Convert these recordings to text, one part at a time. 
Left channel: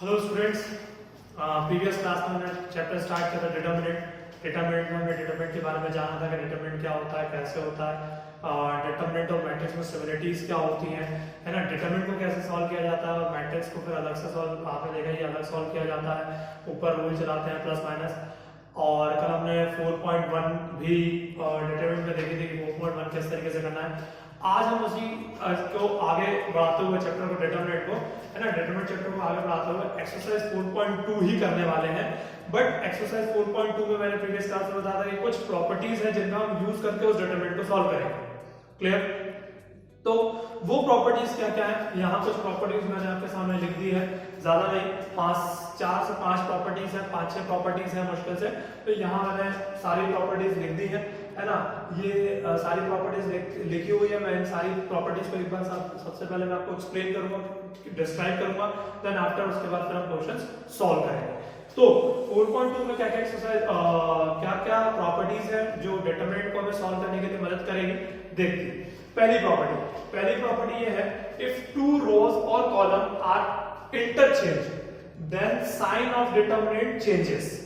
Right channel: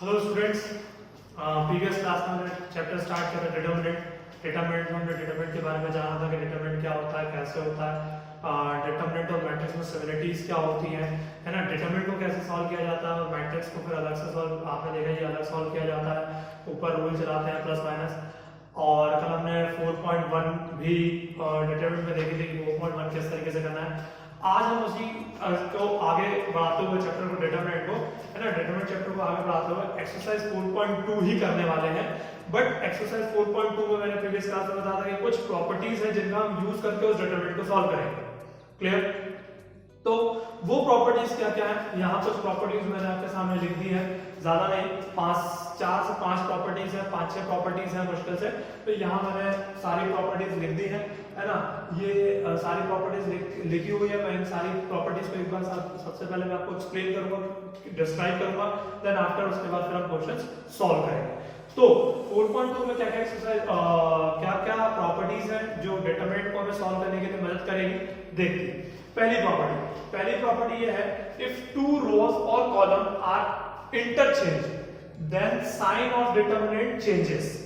Hello students, previous class में हमने chapter start किया था डिटरमिनेंट। डिटरमिनेंट में हमने डिटरमिनेंट के बारे में जाना था कि डिटरमिनेंट क्या होता है, कैसे होता है, डिटरमिनेंट और मैट्रिक्स में सिमिलरिटीज क्या होती हैं, है ना। डिटरमिनेंट को कैसे सॉल्व किया जाता है, मैट्रिक्स को फिर अलग से सॉल्व, आपने देखा ये अलग सॉल्व किया जाता है, ऊपर रूल चलाते हैं प्लस माइनस। और कल हमने 4.1 भी डिटरमिनेंट में देखी थी कि 4.1 किस तरीके से करना है। आज हम उसी को आगे बढ़ाते हुए चैप्टर को डिटरमिनेंट को, है ना, डिटरमिनेंट चैप्टर को आगे बढ़ाते हुए एक्सरसाइज 4.2 ही करने वाले हैं। बट एक्सरसाइज 4.2 में मैंने प्रीवियस क्लास में बताया था कि कुछ प्रॉपर्टीज हैं जिनका हम यूज करके उस डिटरमिनेंट को सॉल्व करेंगे। क्लियर? तो वो प्रॉपर्टीज क्या क्या है, यहाँ कुछ प्रॉपर्टीज मैंने आपके सामने लिख दी है, ज्यादा नहीं, 4 से 5 प्रॉपर्टीज है, 5-6 प्रॉपर्टीज है मुश्किल से। तो यहाँ मैंने सारी प्रॉपर्टीज लिख दी है ना। ये सारी प्रॉपर्टीज लिखी हुई है। मैं इन सारी प्रॉपर्टीज को एक बार सबसे पहले मैं आपको एक्सप्लेन करूंगा, डिस्क्राइब करूंगा, देन आफ्टर उसके बाद फिर हम क्वेश्चंस सॉल्व करेंगे। तो 4.2 में क्या क्या एक्सरसाइज, क्या क्या प्रॉपर्टीज हैं जो डिटरमिनेंट को हमें सॉल्व करने के लिए मदद करेगी, देखिए। पहली प्रॉपर्टी ये है, इफ टू रोज और column are interchange then sign of determinant changes.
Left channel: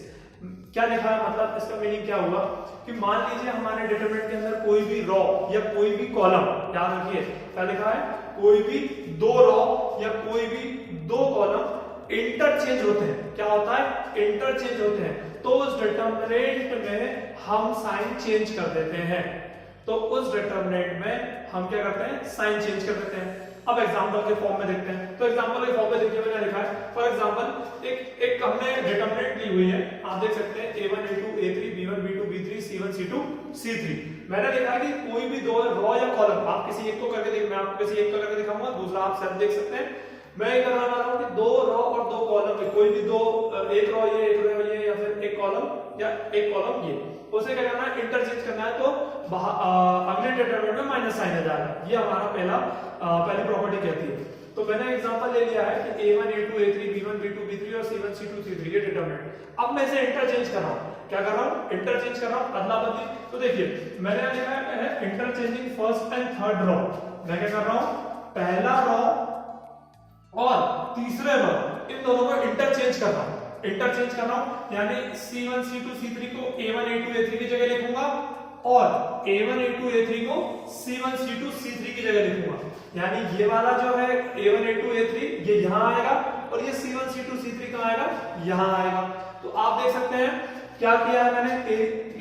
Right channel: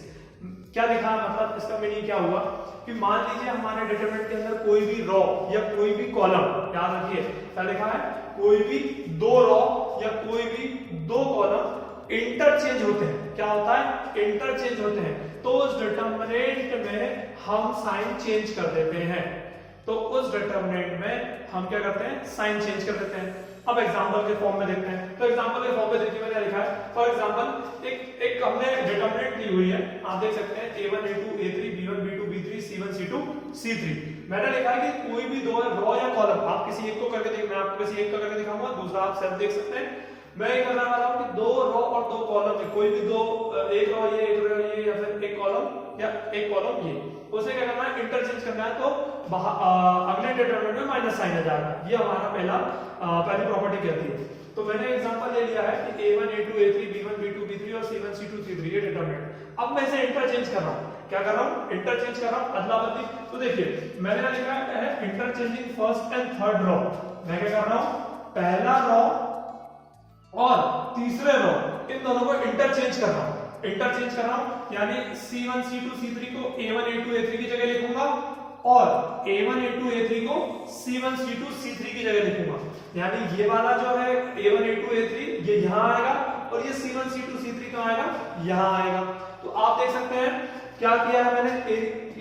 क्या लिखा है, मतलब इसका मीनिंग क्या हुआ कि मान लीजिए हमारे डिटरमिनेंट के अंदर कोई भी रो या कोई भी कॉलम, याद रखिए क्या लिखा है, कोई भी दो रो या कोई भी दो कॉलम इंटरचेंज होते हैं। क्या होता है? इंटरचेंज होते हैं। तो उस डिटरमिनेंट में हम साइन चेंज कर देते हैं। तो उस डिटरमिनेंट में हम क्या करते हैं, साइन चेंज कर देते हैं। अब एग्जांपल के फॉर्म में देखते हैं। तो एग्जांपल के फॉर्म में देखिए मैंने लिखा है, फॉर एग्जांपल एक हमने डिटरमिनेंट ली हुई है, आप देख सकते हैं a1 a2 a3 b1 b2 b3 c1 c2 c3। मैंने लिखा है कि कोई भी दो रो या कॉलम, आप किसी एक को करके देखिए, मैं आपको किसी एक को करके दिखाऊंगा, दूसरा आप सब देख सकते हैं। मैं ये करना चाह रहा हूं कि दो रो और दो कॉलम, कोई भी दो, एक रो ये, एक रो ये, या फिर एक कॉलम या एक कॉलम ये, उसे क्या करना है, इंटरचेंज करना है। तो अगले डिटरमिनेंट में माइनस साइन आ जाएगा। ये हमारा पहली प्रॉपर्टी कहती है। तो मैंने एग्जांपल ले लिया है कि a1 a2 a3 b1 b2 b3 और c1 c2 c3 ये डिटरमिनेंट। अब मैं इसे इंटरचेंज कर रहा हूं, क्या कर रहा हूं, इंटरचेंज कर रहा हूं, अदला बदली। तो देखिए मैंने लिखा है interchanging first and third row. मैं क्या कर रहा हूं, पहला रो और तीसरे रो, इन दोनों को इंटरचेंज कर रहा हूं। इंटरचेंज कर रहा हूं यानी c1 c2 c3 को a1 a2 a3 की जगह लिखूंगा और a1 a2 a3 को c1 c2 c3 की जगह लिखूंगा। यानी ये वाला जो है a1 a2 a3 ये यहां आएगा और ये c1 c2 c3 कहां आएगा, यहां आएगा। तो आप देख सकते हैं क्या किया है मैंने,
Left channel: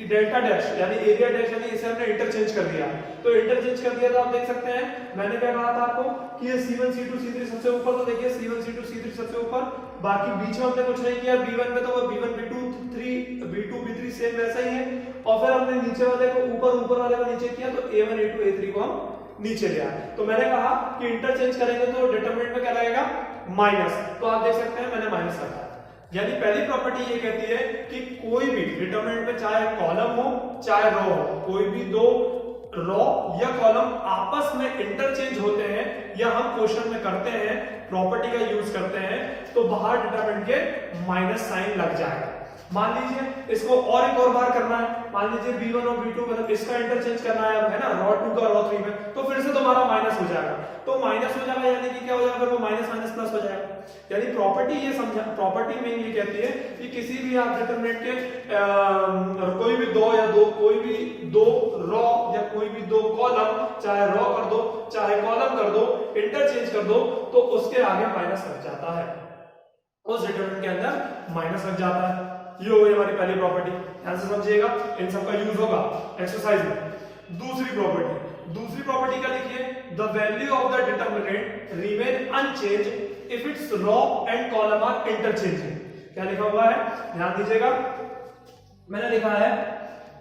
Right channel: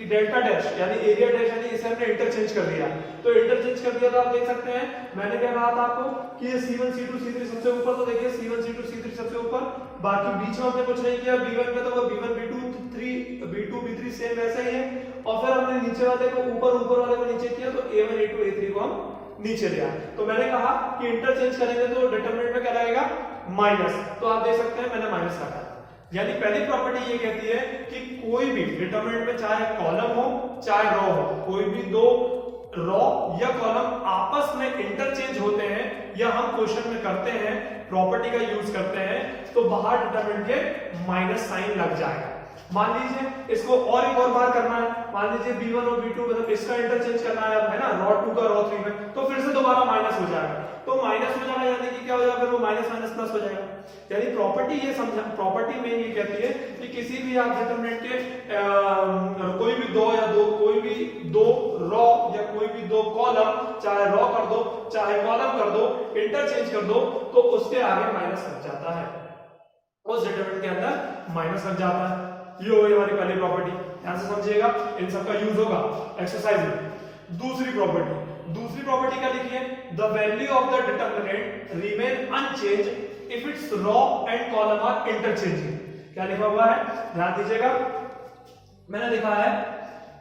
डेल्टा डैश यानी एरिया डैश, यानी इसे हमने इंटरचेंज कर दिया। तो इंटरचेंज कर दिया तो आप देख सकते हैं मैंने क्या कहा था आपको कि ये c1 c2 c3 सबसे ऊपर, तो देखिए c1 c2 c3 सबसे ऊपर, बाकी बीच में हमने कुछ नहीं किया। b1 में तो वो b1 b2 3 b2 b3 same वैसा ही है, और फिर हमने नीचे वाले को ऊपर वाले को नीचे किया, तो a1 a2 a3 को हम नीचे ले आए। तो मैंने कहा कि इंटरचेंज करेंगे तो डिटरमिनेंट में क्या लगेगा, माइनस। तो आप देख सकते हैं मैंने माइनस रखा। यानी पहली प्रॉपर्टी ये कहती है कि कोई भी डिटरमिनेंट में चाहे कॉलम हो चाहे रो हो, कोई भी दो रो या कॉलम आपस में इंटरचेंज होते हैं या हम क्वेश्चन में करते हैं, प्रॉपर्टी का यूज करते हैं, तो बाहर डिटरमिनेंट के माइनस साइन लग जाएगा। मान लीजिए इसको और एक और बार करना है, मान लीजिए b1 और b2 मतलब इसका इंटरचेंज करना है ना, रो 2 का रो 3 में, तो फिर से दोबारा माइनस हो जाएगा। तो माइनस हो जाएगा यानी कि क्या हो जाएगा, फिर वो माइनस माइनस प्लस हो जाएगा। यानी प्रॉपर्टी ये समझा, प्रॉपर्टी में ये कहती है कि किसी भी आप डिटरमिनेंट के कोई भी दो रो या कोई भी दो कॉलम, चाहे रो कर दो चाहे कॉलम कर दो, इंटरचेंज कर दो, तो उसके आगे माइनस लग जाता है, उस डिटरमिनेंट के अंदर माइनस लग जाता है। ये हो गई हमारी पहली प्रॉपर्टी, ध्यान से समझिएगा, इन सबका यूज होगा एक्सरसाइज में। दूसरी प्रॉपर्टी क्या लिखी है, the value of the determinant remain unchange if its row and column are interchanging. क्या लिखा हुआ है, ध्यान दीजिएगा, मैंने लिखा है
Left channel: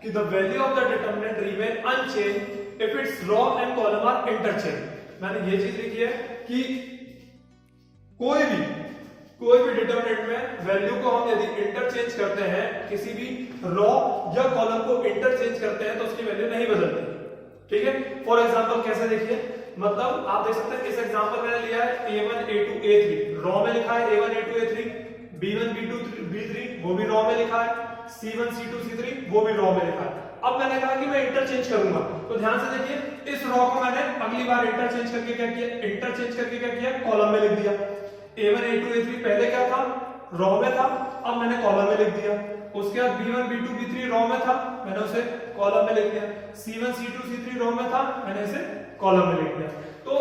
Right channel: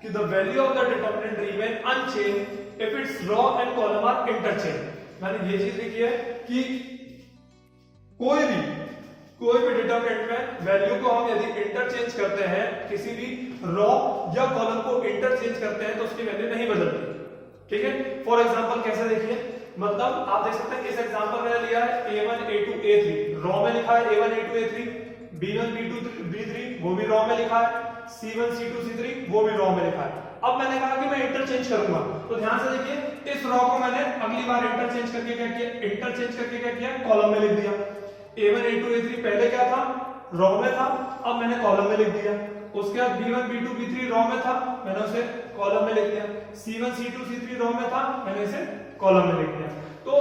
कि the value of the determinant remain unchange if its row and column are interchange. मैंने ये चीज लिखी है कि कोई भी डिटरमिनेंट में वैल्यू को हम यदि इंटरचेंज करते हैं, किसी भी रो या कॉलम को इंटरचेंज करते हैं, तो उसकी वैल्यू नहीं बदलती। ठीक है, फॉर एग्जांपल कैसे देखिए, मतलब आप देख सकते हैं इस एग्जांपल में लिया है a1 a2 a3, रो में लिखा है a1 a2 a3, b1 b2 b3 वो भी रो में लिखा है, c1 c2 c3 वो भी रो में लिखा है। अब मैंने कहा कि मैं इंटरचेंज करूंगा, तो ध्यान से देखिए इस रो को मैंने अगली बार इंटरचेंज करके क्या किया, कॉलम में लिख दिया। A1 A2 A3 पहले क्या था, रॉ में था, अब मैंने कॉलम में लिख दिया। उसके बाद B1 B2 B3 रॉ में था, मैंने उसे कॉलम में लिख दिया। C1 C2 C3 रॉ में था, मैंने इसे कॉलम में लिख दिया। तो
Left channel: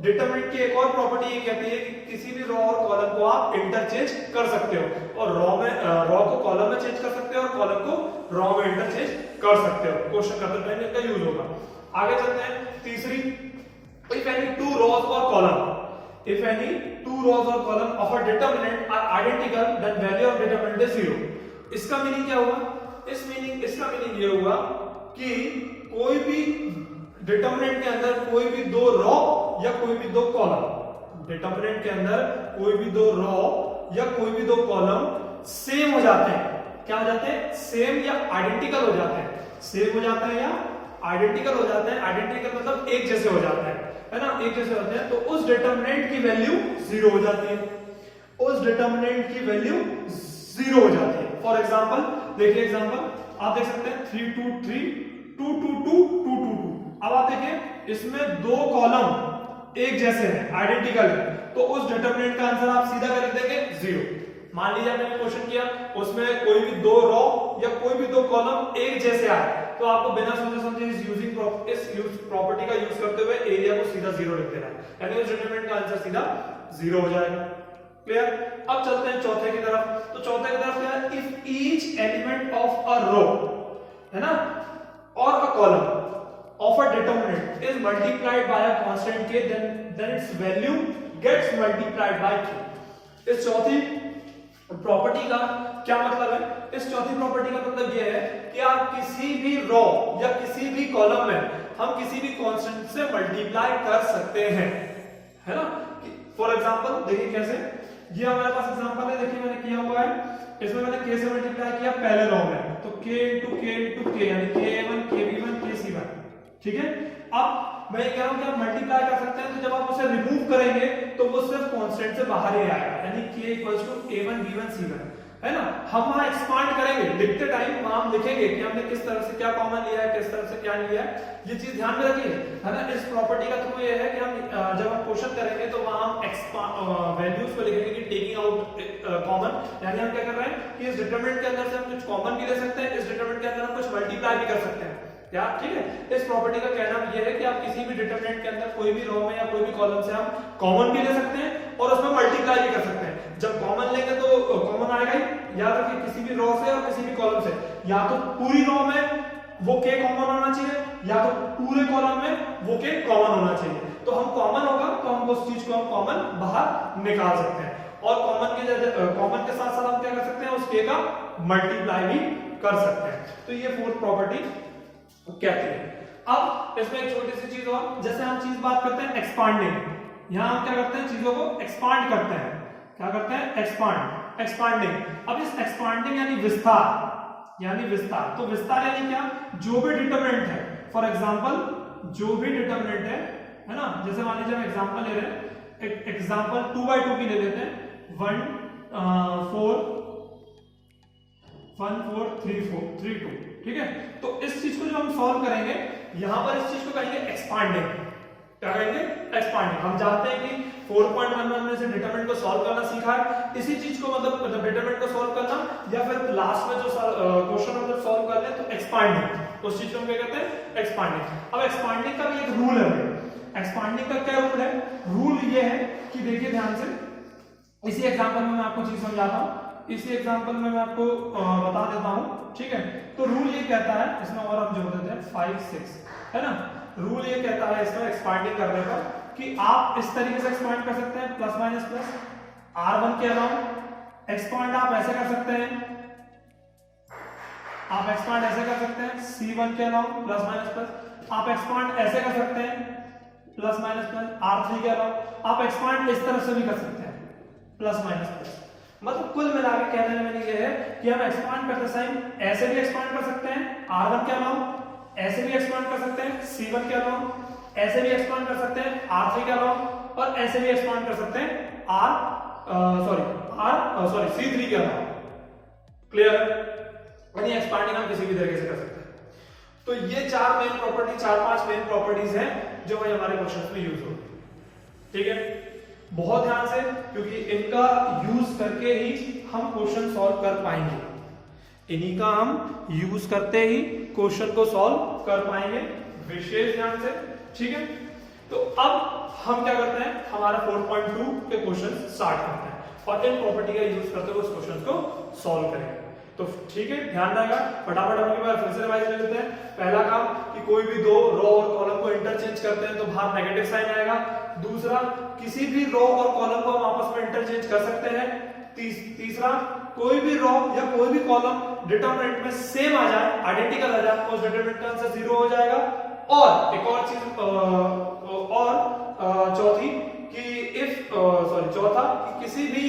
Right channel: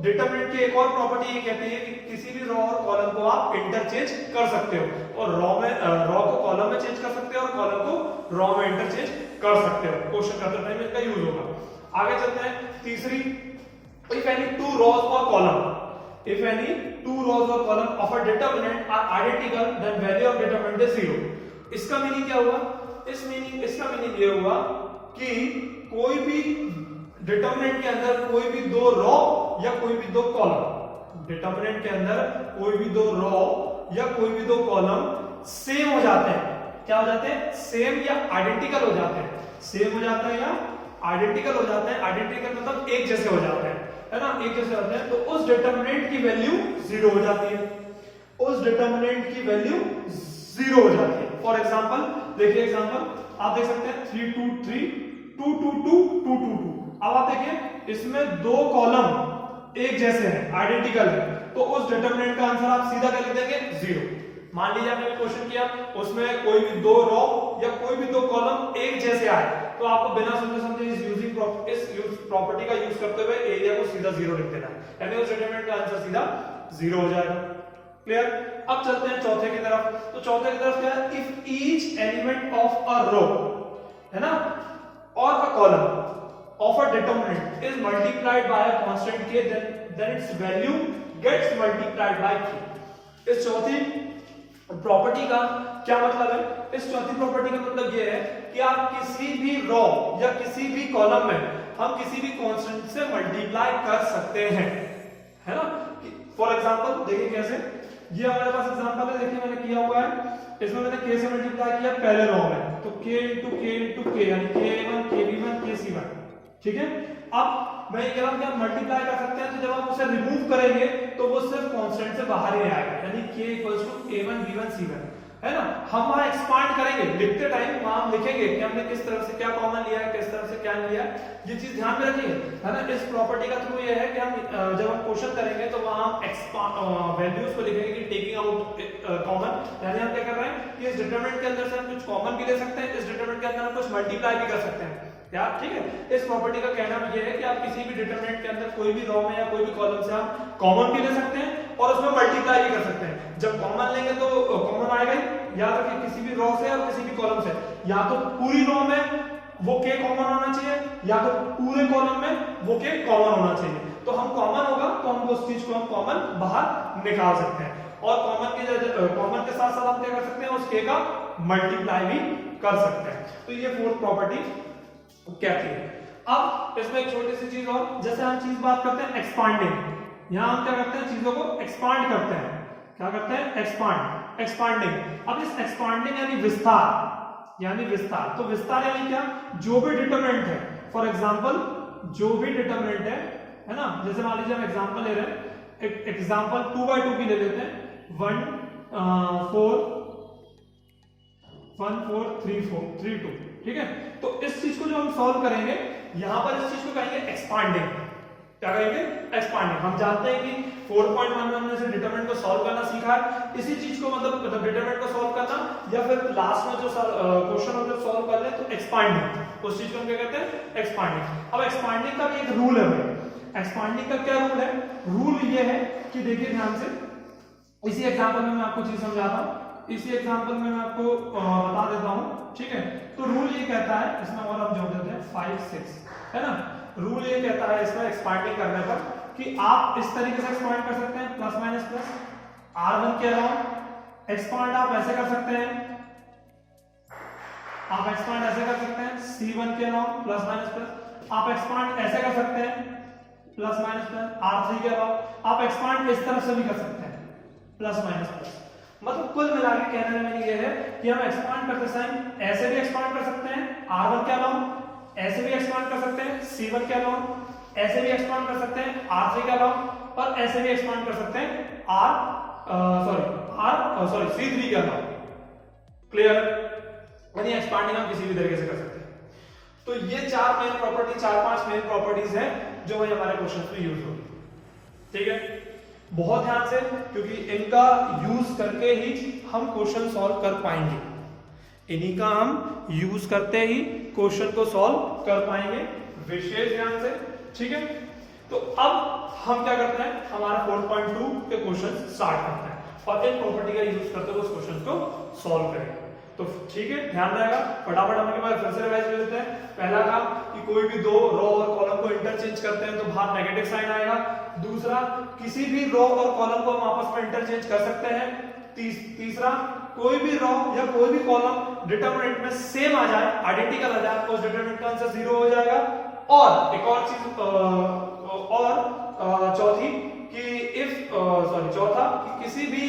डिटरमिनेंट की एक और प्रॉपर्टी ये कहती है कि किसी भी रॉ और कॉलम को आप इंटरचेंज कर सकते हो, और रॉ को कॉलम में चेंज कर सकते हो और कॉलम को रॉ में इंटरचेंज कर सकते हो। क्वेश्चन करते टाइम इसका यूज होगा। आगे चलते हैं तीसरी, इफ एनी टू रॉज और column, if any two rows or column of a determinant are identical then value of determinant is 0। इसका मीनिंग क्या हुआ, इसका मीनिंग ये हुआ कि कोई भी डिटरमिनेंट के अंदर कोई भी दो रॉ या कोई भी दो कॉलम, डिटरमिनेंट के अंदर कोई भी दो रॉ या कोई भी दो कॉलम सेम हो जाते हैं। क्या हो जाते हैं, सेम या आइडेंटिकल हो जाते हैं। सेम हो जाते हैं या आइडेंटिकल हो जाते हैं। आइडेंटिकल मतलब एक जैसे हो जाते हैं, है ना, एक जैसे होते हैं। तो उस डिटरमिनेंट की वैल्यू 0 हो जाती है, उस डिटरमिनेंट की वैल्यू 0 हो जाती है। फॉर एग्जांपल देखिए, एग्जांपल आप देख सकते हैं 3 2 3 2 2 2 2 2 2। अब आप देखिए इसमें दो कॉलम एक जैसे हैं, आइडेंटिकल है, तो उस डिटरमिनेंट का आंसर आप सीधा क्या लिख देंगे, 0। मान लीजिए मैंने क्वेश्चन किया, उसमें कोई भी दो रॉ या कोई भी दो कॉलम एक जैसे आए, तो आपको बिना सोचे समझे इस प्रॉपर्टी का यूज करते हुए एरिया को सीधा 0 लिख देना है, यानी उस डिटरमिनेंट का आंसर सीधा 0 हो जाएगा। क्लियर। अब चलते हैं चौथे की तरफ। तो चौथे की तरफ क्या है, if each element of a row, है ना, और a column of a determinant is multiplied by a constant k, then its value gets multiplied by k। इस चौथी प्रॉपर्टी का क्या मतलब है, इस चौथी प्रॉपर्टी का मतलब यह है कि आप किसी भी रॉ या किसी भी कॉलम में हम किसी भी कांस्टेंट से मल्टीप्लाई कर सकते हैं, है ना। फॉर एग्जांपल देखिए कैसे, ये हमारे पास एग्जांपल है, देखिए मैंने किया हुआ है, इसमें मैंने k से मल्टीप्लाई किया पहले रॉ में, तो k into k यानी k1 kb1 kc1, ठीक है। अब मैं कह रहा हूं कि आप मल्टीप्लाई कर सकते हैं, तो जब आप उसे रिमूव करेंगे तो वो सिर्फ कांस्टेंट से बाहर ही आएगा, यानी k a1 b1 c1, है ना। हम वहां एक्सपांड करेंगे, लिखते टाइम वहां हम लिखेंगे कि हमने किस तरह से क्या कॉमन लिया है, किस तरह से क्या लिया है, ये चीज ध्यान में रखिए, है ना। इस प्रॉपर्टी का थ्रू ये है कि हम जब हम क्वेश्चन करेंगे तो वहां हम वैल्यूज को लिखेंगे कि टेकिंग आउट कॉमन, यानी हम क्या कर रहे हैं कि इस डिटरमिनेंट के अंदर से हम कुछ कॉमन भी ले सकते हैं, इस डिटरमिनेंट के अंदर हम कुछ मल्टीप्लाई भी कर सकते हैं यार, ठीक है। इस प्रॉपर्टी का कहना यह है कि आप किसी भी डिटरमिनेंट के अंदर कोई भी रो में या कोई भी कॉलम से हम कॉमन भी ले सकते हैं और उसमें मल्टीप्लाई भी कर सकते हैं। जब कॉमन लेंगे तो कॉमन आएगा ही, या तो कि किसी भी रो से और किसी भी कॉलम से, या तो पूरी रो में वो k कॉमन होना चाहिए, या तो पूरे कॉलम में वो k कॉमन होना चाहिए। तो हम कॉमन होगा तो हम उस चीज को हम कॉमन बाहर निकाल सकते हैं, और कॉमन के साथ साथ हम क्या कर सकते हैं, उस k का मल्टीप्लाई भी कर सकते हैं। तो ये फोर्थ प्रॉपर्टी कहती है। अब इसमें एक छोटी सी चीज और, जैसे हम चीज बात करते हैं एक्सपांडिंग, यहां हम क्या करते हैं, चीजों को एक्सपांड करते हैं। क्या करते हैं, एक्सपांडिंग। अब इस एक्सपांडिंग यानी विस्तार, तो विस्तार यानी क्या, जो भी डिटरमिनेंट है, फॉर एग्जांपल जो भी डिटरमिनेंट है ना, जैसे मान लीजिए हम एग्जांपल ले रहे हैं, एग्जांपल 2/2 की ले लेते हैं, 1 4 3 2, ठीक है। तो इस चीज को जो हम सॉल्व करेंगे, यहां पर इस चीज को कहेंगे एक्सपांडिंग। क्या कहेंगे, एक्सपांडिंग। हम जानते हैं कि 4.1 में हमने से डिटरमिनेंट को सॉल्व करना सीखा है, इसी चीज को मतलब डिटरमिनेंट को सॉल्व करना, या फिर लास्ट में जो क्वेश्चन हम जब सॉल्व कर ले तो एक्सपांडिंग, उस चीज को हम क्या कहते हैं, एक्सपांडिंग। अब एक्सपांडिंग का भी एक रूल है। एक्सपांडिंग का क्या रूल है, रूल ये है कि देखिए ध्यान से, इसी एग्जांपल में मैं आपको चीज समझाता हूं, इसी एग्जांपल में मैं आपको बता देता हूं, ठीक है। तो रूल ये कहता है, इसमें और हम जोड़ देते हैं 5 6, है ना। रूल ये कहता है इसमें एक्सपांडिंग करने पर कि आप इस तरीके से एक्सपांड कर सकते हैं, प्लस माइनस प्लस r1 के अलाउंड। एक्सपांड आप ऐसे कर सकते हैं, आप एक्सपांड ऐसे कर सकते हैं, c1 के अलाउंड प्लस माइनस प्लस। आप एक्सपांड ऐसे कर सकते हैं, प्लस माइनस प्लस r3 के अलाउंड। आप एक्सपांड इस तरफ से भी कर सकते हैं, प्लस माइनस प्लस। मतलब कुल मिला के कहने में मैंने ये है कि हम एक्सपांड करते टाइम ऐसे भी एक्सपांड कर सकते हैं r1 के अलावा, ऐसे भी एक्सपांड कर सकते हैं c1 के अलावा, ऐसे भी एक्सपांड कर सकते हैं r3 के अलावा, और ऐसे भी एक्सपांड कर सकते हैं c3 के अलावा। क्लियर। यानी एक्सपांडिंग हम किसी भी तरीके से कर सकते हैं। तो ये 4-5 मेन प्रॉपर्टीज हैं जो हमारे क्वेश्चन में यूज होगी, ठीक है। बहुत ध्यान से, क्योंकि इनका यूज करके ही हम क्वेश्चन सॉल्व कर पाएंगे, इन्हीं का हम यूज करते ही क्वेश्चन को सॉल्व कर पाएंगे, विशेष ध्यान से, ठीक है। तो अब हम क्या करते हैं, हमारा 4.2 के क्वेश्चन स्टार्ट करते हैं और इन प्रॉपर्टी का यूज करते हुए उस क्वेश्चन को सॉल्व करेंगे। तो ठीक है, ध्यान रहेगा, फटाफट हम एक बार फिर से रिवाइज कर लेते हैं। पहला काम कि कोई भी दो रो और कॉलम को इंटरचेंज करते हैं तो बाहर नेगेटिव साइन आएगा। दूसरा, किसी भी रो और कॉलम को हम आपस में इंटरचेंज कर सकते हैं। तीसरा, कोई भी रो या कोई भी कॉलम डिटरमिनेंट में सेम आ जाए, आइडेंटिकल आ जाए, उस डिटरमिनेंट का आंसर 0 हो जाएगा। और एक और चीज चौथी कि चौथा कि किसी भी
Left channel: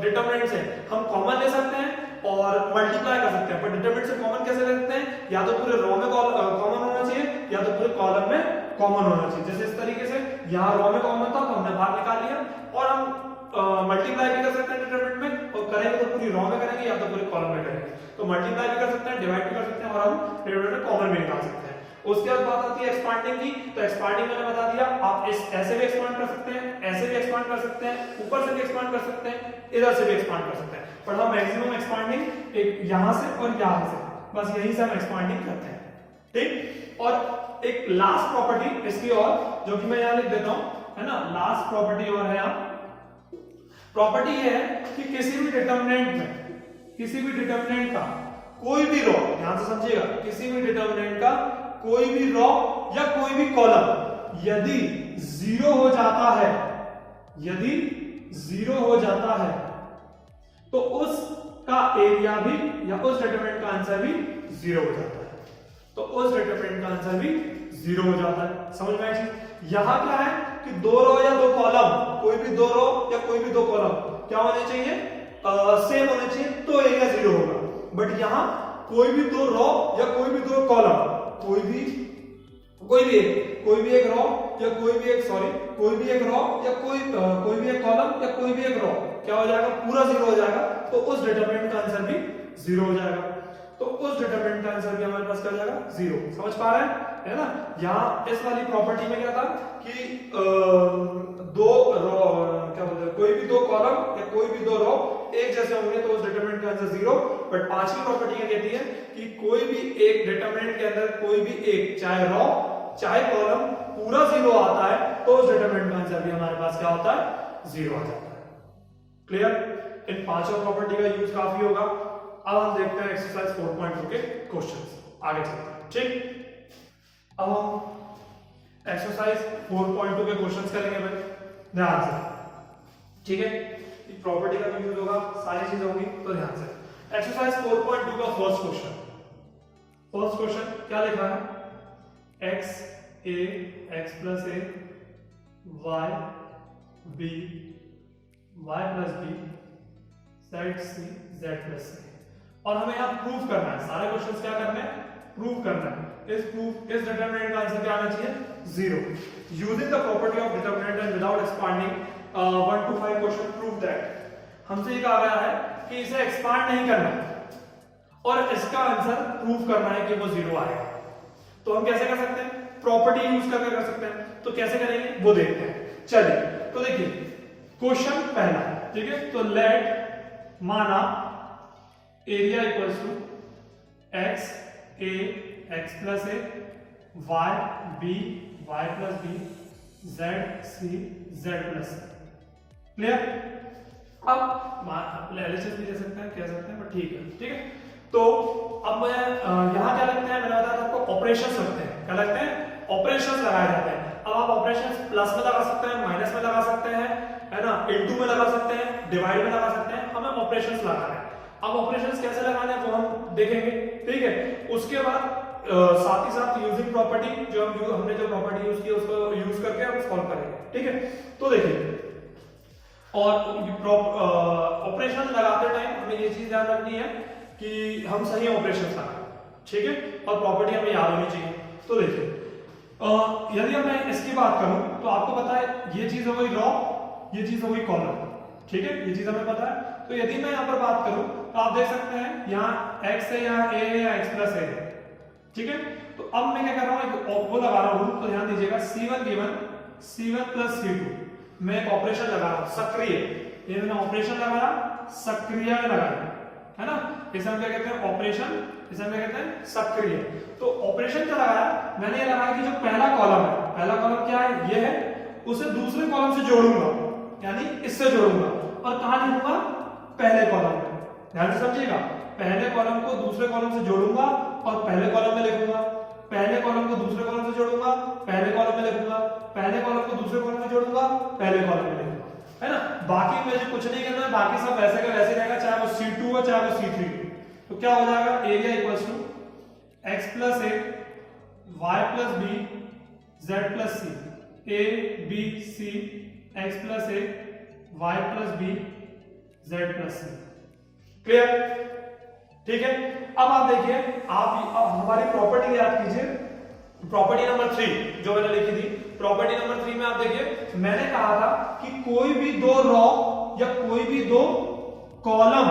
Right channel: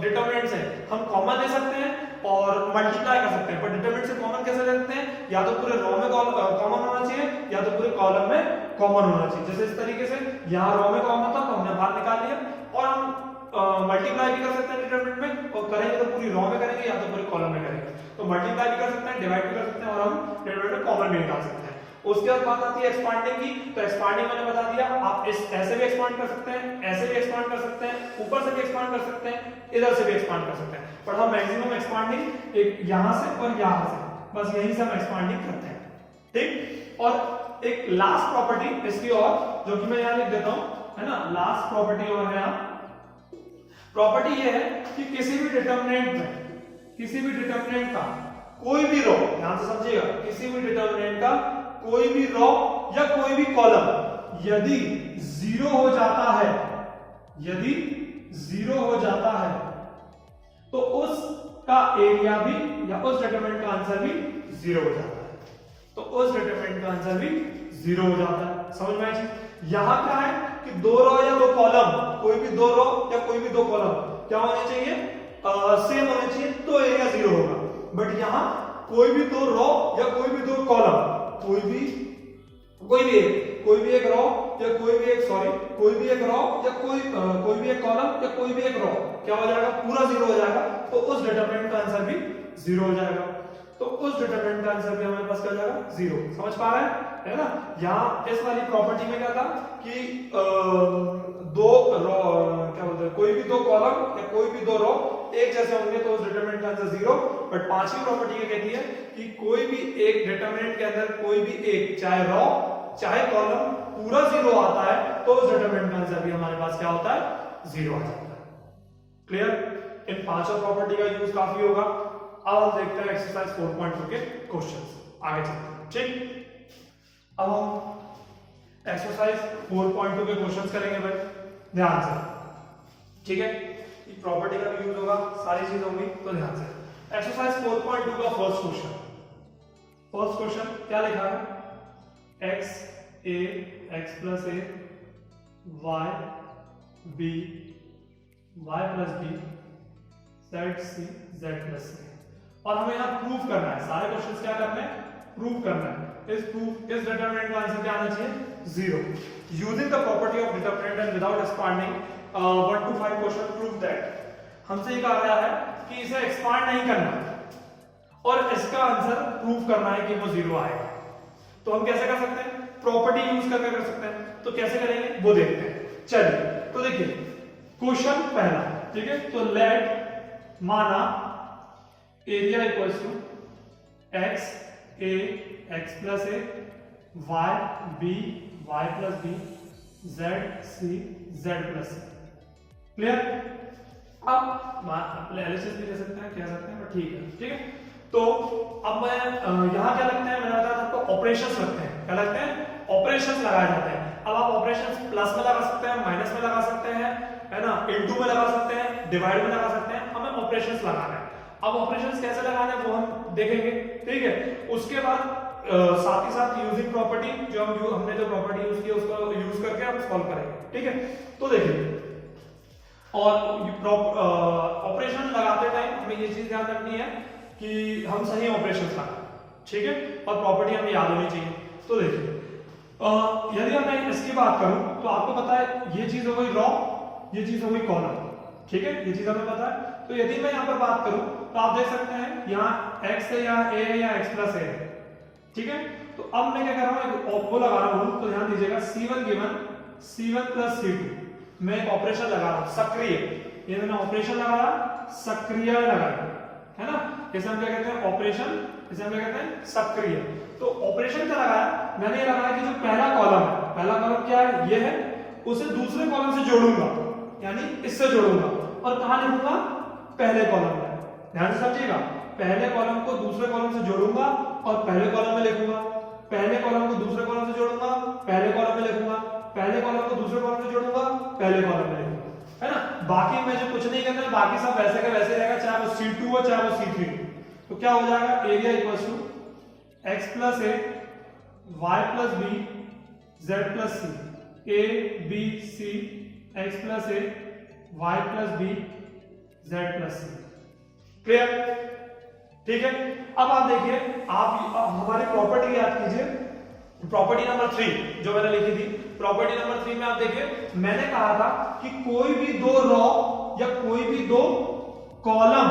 डिटरमिनेंट से हम कॉमन ले सकते हैं और मल्टीप्लाई कर सकते हैं, पर डिटरमिनेंट से कॉमन कैसे ले सकते हैं, या तो पूरे रो में कॉमन होना चाहिए या तो पूरे कॉलम में कॉमन होना चाहिए। जैसे इस तरीके से यहाँ रो में कॉमन था तो हमने बाहर निकाल लिया, और हम मल्टीप्लाई भी कर सकते हैं डिटरमिनेंट में, और करेंगे तो पूरी रो में करेंगे या तो पूरे कॉलम में करेंगे। तो मल्टीप्लाई भी कर सकते हैं, डिवाइड भी कर सकते हैं, और हम डिटरमिनेंट में कॉमन भी निकाल सकते हैं। उसके बाद बात आती है एक्सपांडिंग की। तो एक्सपांडिंग मैंने बता दिया, आप इस ऐसे भी एक्सपांड कर सकते हैं, ऐसे भी एक्सपांड कर सकते हैं, ऊपर से भी एक्सपांड कर सकते हैं, इधर से भी एक्सपांड कर सकते हैं, पर हम मैक्सिमम एक्सपांडिंग एक यहां से और यहां से, बस यही से हम एक्सपांडिंग करते हैं, ठीक। और एक लास्ट प्रॉपर्टी इसकी और, जो कि मैं यहां लिख देता हूं, है ना, लास्ट प्रॉपर्टी और है यहां। प्रॉपर्टी ये है कि किसी भी डिटरमिनेंट में, किसी भी डिटरमिनेंट का कोई भी रो, ध्यान से समझिएगा, किसी भी डिटरमिनेंट का कोई भी रो या कोई भी कॉलम यदि 0 हो जाता है, यदि 0 हो जाता है, तो उसका एरिया भी या उस डिटरमिनेंट का आंसर भी 0 हो जाता है, तो उस डिटरमिनेंट का आंसर भी 0 हो जाता है। समझ में आई चीज? यहां क्या है कि दो रो या दो कॉलम, कोई भी दो रो या कोई भी दो कॉलम क्या होने चाहिए, सेम होने चाहिए, तो एरिया 0 होगा। बट यहां कोई भी दो रो या कोई भी दो कॉलम, कोई भी एक रो या कोई भी एक कोई भी एक रो या कोई भी एक कॉलम या कोई भी एक रो क्या हो जाएगा, पूरा 0 हो जाएगा, तो उस डिटरमिनेंट का आंसर भी 0 हो जाएगा। तो उस डिटरमिनेंट का आंसर भी हमारे पास क्या हो जाएगा, 0। समझ पा रहे हैं, है ना। यहां इस वाली प्रॉपर्टी में क्या था कि दो रो, क्या बोलते हैं, कोई भी दो कॉलम या कोई भी दो रो एक जैसे होंगे तो उस डिटरमिनेंट का आंसर 0। बट पांचवी प्रॉपर्टी ये कहती है कि कोई भी एक डिटरमिनेंट के अंदर कोई भी एक, चाहे रो चाहे कॉलम, पूरा 0 आता है, तो उस डिटरमिनेंट का आंसर भी हमारे पास क्या होता है, 0 आ जाता है। क्लियर? इन पांचों प्रॉपर्टी का यूज काफी होगा। अब हम देखते हैं एक्सरसाइज 4.2 के क्वेश्चंस, आगे चलते हैं, ठीक। अब हम एक्सरसाइज 4.2 के क्वेश्चंस करेंगे भाई, ध्यान से, ठीक है। प्रॉपर्टी का भी यूज होगा, सारी चीजें होंगी, तो ध्यान से। एक्सरसाइज 4.2 का फर्स्ट क्वेश्चन क्या लिखा है, x a x plus a y b y plus b z c z plus c, और हमें यहाँ प्रूव करना है, सारे क्वेश्चंस क्या करने हैं, प्रूव करना है। इस डिटरमिनेंट का आंसर क्या आना चाहिए, 0। Using the property of determinant and without expanding 1 to 5 question prove that. हमसे कहा गया है कि इसे एक्सपांड नहीं करना और इसका आंसर प्रूव करना है कि वो 0 आएगा। तो हम कैसे कर सकते हैं, प्रॉपर्टी यूज करके कर सकते हैं। तो कैसे करेंगे वो देखते हैं, चलिए। तो देखिए क्वेश्चन पहला, ठीक है। तो लेट माना area equals to x a x plus a y b y plus b z c z plus c। Clear? अब एलएचएस भी दे सकते हैं, कह सकते हैं, बट ठीक है, ठीक है। तो अब मैं यहां क्या लगते हैं, मैंने बताया था आपको ऑपरेशंस लगते हैं, क्या लगते हैं, ऑपरेशंस लगाए जाते हैं। अब आप ऑपरेशंस प्लस में लगा सकते हैं, माइनस में लगा सकते हैं, है ना, इनटू में लगा सकते हैं, डिवाइड में लगा सकते हैं, हमें ऑपरेशंस लगाना है। अब ऑपरेशंस कैसे लगाना है वो हम देखेंगे, ठीक है। उसके बाद साथ ही साथ यूजिंग प्रॉपर्टी, जो हमने जो प्रॉपर्टी यूज की उसको यूज करके हम सॉल्व करेंगे, ठीक है। तो देखिए, और ऑपरेशन लगाते टाइम हमें ये चीज ध्यान रखनी है कि हम सही ऑपरेशन लगाएं, ठीक है, और प्रॉपर्टी हमें याद होनी चाहिए। तो देखिए, यदि मैं इसकी बात करूं तो आपको पता है ये चीज हो गई रो, ये चीज हो गई कॉलम, ठीक है, ये चीज हमें पता है। तो यदि मैं यहाँ पर बात करूं तो आप देख सकते हैं यहाँ x है, यहाँ a है, यहाँ x प्लस a है, ठीक है। तो अब मैं क्या कर रहा हूँ, वो लगा रहा हूं, तो ध्यान दीजिएगा C1 given C1 plus C2, मैं एक ऑपरेशन लगा रहा हूं सक्रिय, ये मैंने ऑपरेशन लगाया, सक्रिय लगाया, है ना, इसे हम क्या कहते हैं ऑपरेशन, इसे हम क्या कहते हैं सक्रिय। तो ऑपरेशन क्या लगाया मैंने, ये लगाया कि जो पहला कॉलम है, पहला कॉलम क्या है ये है, उसे दूसरे कॉलम से जोड़ूंगा, यानी इससे जोड़ूंगा, और कहां लिखूंगा पहले कॉलम में, ध्यान से समझिएगा, पहले कॉलम को दूसरे कॉलम से जोड़ूंगा और पहले कॉलम में लिखूंगा, पहले कॉलम को दूसरे कॉलम से जोड़ूंगा, पहले कॉलम में लिखूंगा, पहले कॉलम को दूसरे कॉलम में जोड़ूंगा, पहले कॉलम में लिखूंगा, है ना। बाकी मुझे कुछ नहीं करना है, बाकी सब वैसे का वैसे रहेगा, चाहे वो C2 हो चाहे वो C3 हो। तो क्या हो जाएगा, area equals to x plus a y plus b z plus c, a B c x plus a y plus b z plus c. Clear, ठीक है। अब आप देखिए, आप हमारी प्रॉपर्टी याद कीजिए, प्रॉपर्टी नंबर 3 जो मैंने लिखी थी, प्रॉपर्टी नंबर 3 में आप देखिए मैंने कहा था कि कोई भी दो रॉ या कोई भी दो कॉलम,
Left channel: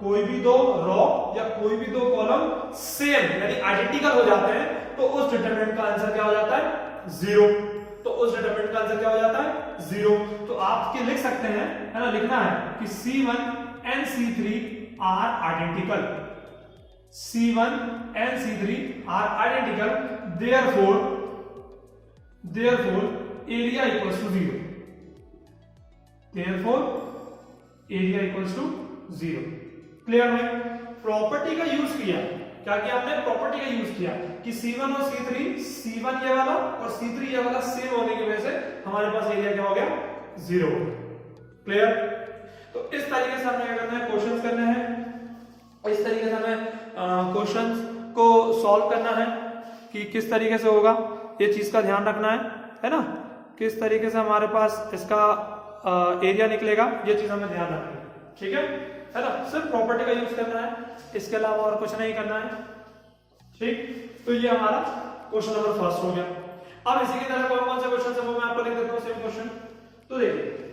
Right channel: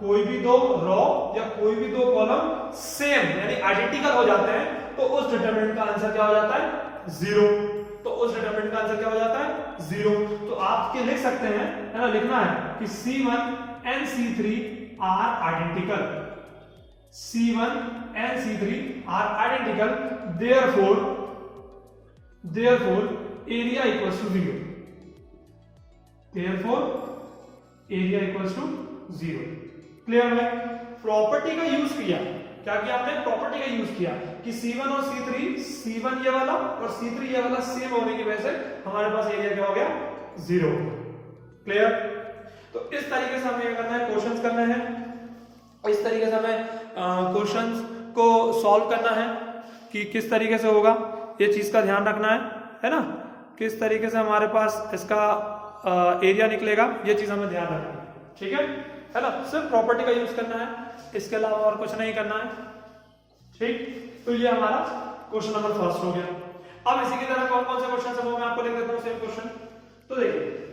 कोई भी दो रॉ या कोई भी दो कॉलम सेम यानी आइडेंटिकल हो जाते हैं तो उस डिटरमिनेंट का आंसर क्या हो जाता है, 0। तो उस डिटरमिनेंट का आंसर क्या हो जाता है, 0। तो आप क्या लिख सकते हैं, है ना, लिखना है कि C1 and C3 are identical, C1 and C3 are identical, therefore area equals to 0, therefore area equals to 0। Clear है, प्रॉपर्टी का यूज किया, क्या किया आपने, प्रॉपर्टी का यूज किया कि C1 और C3, C1 ये वाला और C3 ये वाला सेम होने की वजह से हमारे पास एरिया क्या हो गया, 0 हो गया। क्लियर, तो इस तरीके से हमें क्या करना है, क्वेश्चंस करने हैं, इस तरीके से हमें क्वेश्चंस को सॉल्व करना है कि किस तरीके से होगा, ये चीज का ध्यान रखना है ना, किस तरीके से हमारे पास इसका एरिया निकलेगा, ये चीज हमें ध्यान रखना है, ठीक है ना। सिर्फ प्रॉपर्टी का यूज करना है, इसके अलावा और कुछ नहीं करना है, ठीक। तो ये हमारा क्वेश्चन नंबर फर्स्ट हो गया। अब इसी की तरह कौन कौन से क्वेश्चन है वो मैं आपको लिख देता हूं, सेम क्वेश्चन। तो देखिए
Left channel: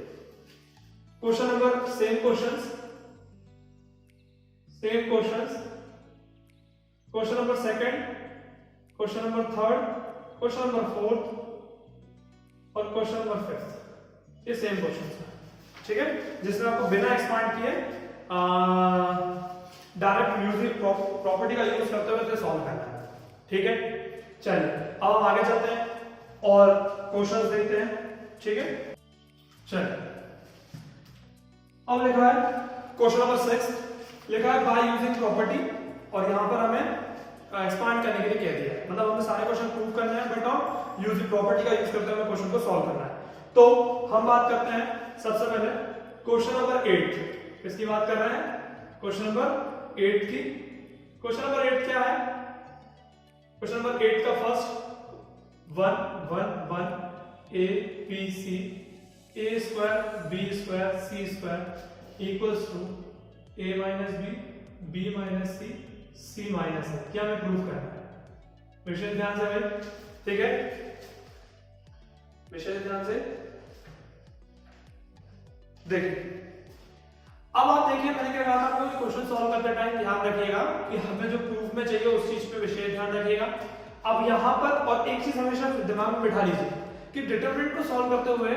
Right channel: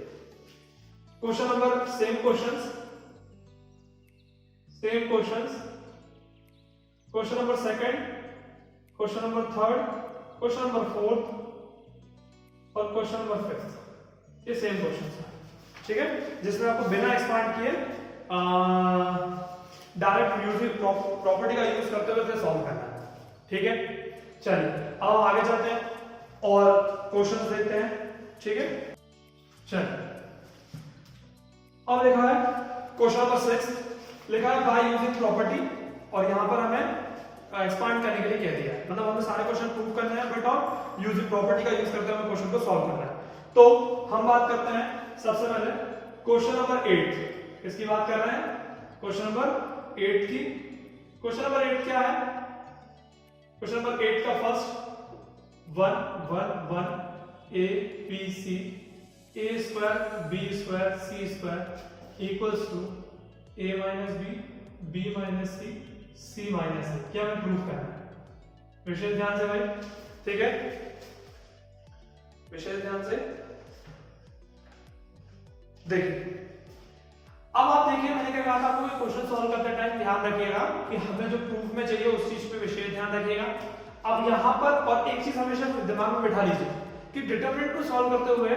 question number, same questions, question number second, question number third, question number fourth और क्वेश्चन नंबर फिफ्थ, ये सेम क्वेश्चन है, ठीक है, जिसमें आपको बिना एक्सपांड किए डायरेक्ट यूजिंग प्रॉपर्टी का यूज करते हुए इसे सॉल्व करना है, ठीक है। चलिए अब हम आगे चलते हैं और क्वेश्चंस देखते हैं, ठीक है। चलिए अब लिखा है क्वेश्चन नंबर 6, लिखा है बाय यूजिंग प्रॉपर्टी, और यहां पर हमें एक्सपांड करने के लिए कह दिया है, मतलब हमें सारे क्वेश्चन प्रूव करने हैं, बट और यूजिंग प्रॉपर्टी का यूज करते हुए क्वेश्चन को सॉल्व करना है। तो हम बात करते हैं सबसे पहले क्वेश्चन नंबर 8, इसकी बात कर रहे हैं, क्वेश्चन नंबर 8 की। क्वेश्चन नंबर 8 क्या है, क्वेश्चन नंबर 8 का first 1 1 1 A B C A square B square C square equals to A minus B minus C minus A, क्या हमें प्रूव करना है, विशेष ध्यान से भाई, ठीक है, विशेष ध्यान से देखिए। अब आप देखिए मैंने क्या कहा था आपको, क्वेश्चन सॉल्व करते टाइम ध्यान रखिएगा कि हमें जो प्रूफ में चाहिए उस चीज पे विशेष ध्यान रखिएगा। अब यहां पर और एक चीज हमेशा दिमाग में बिठा लीजिए कि डिटरमिनेंट को सॉल्व करते हुए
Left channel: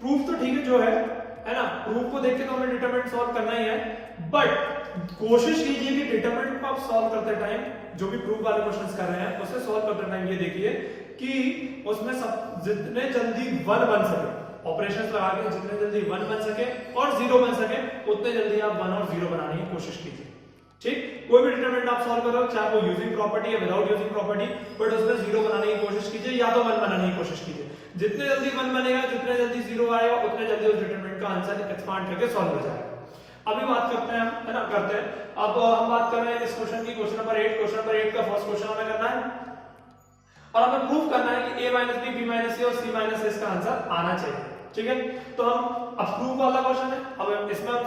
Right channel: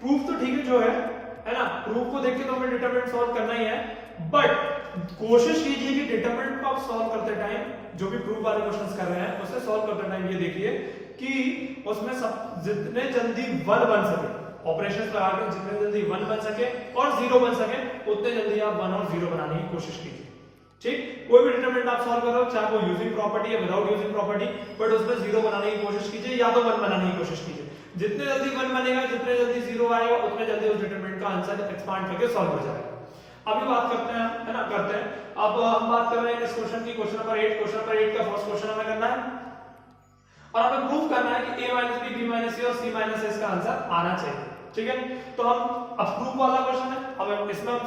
प्रूफ तो ठीक है जो है ना, प्रूफ को देख के तो हमें डिटरमिनेंट सॉल्व करना ही है, बट कोशिश कीजिए कि डिटरमिनेंट को आप सॉल्व करते टाइम, जो भी प्रूफ वाले क्वेश्चंस कर रहे हैं उसे सॉल्व करते टाइम ये देखिए कि उसमें सब जितने जल्दी 1 बन सके, ऑपरेशंस लगा के जितने जल्दी 1 बन सके और 0 बन सके उतने जल्दी आप 1 और 0 बनाने की कोशिश कीजिए, ठीक। कोई भी डिटरमिनेंट आप सॉल्व कर रहे हो, चाहे वो यूजिंग प्रॉपर्टी या विदाउट यूजिंग प्रॉपर्टी, बट उसमें 0 बनाने की कोशिश कीजिए या तो 1 बनाने की कोशिश कीजिए। जितने जल्दी 1 बनेगा, जितने जल्दी 0 आएगा, उतने जल्दी उस डिटरमिनेंट का आंसर एक्सपांड करके सॉल्व हो जाएगा। अभी बात करते हैं, है ना, करते हैं। अब हम बात कर रहे हैं इस क्वेश्चन की, क्वेश्चन नंबर 8। क्वेश्चन नंबर 8 का फर्स्ट क्वेश्चन हमें करना है और हमें प्रूव करना है कि a minus B minus C और c माइनस ए इसका आंसर आना चाहिए, ठीक है। तो हम अब प्रूफ वाला क्वेश्चन है, अब इसमें हम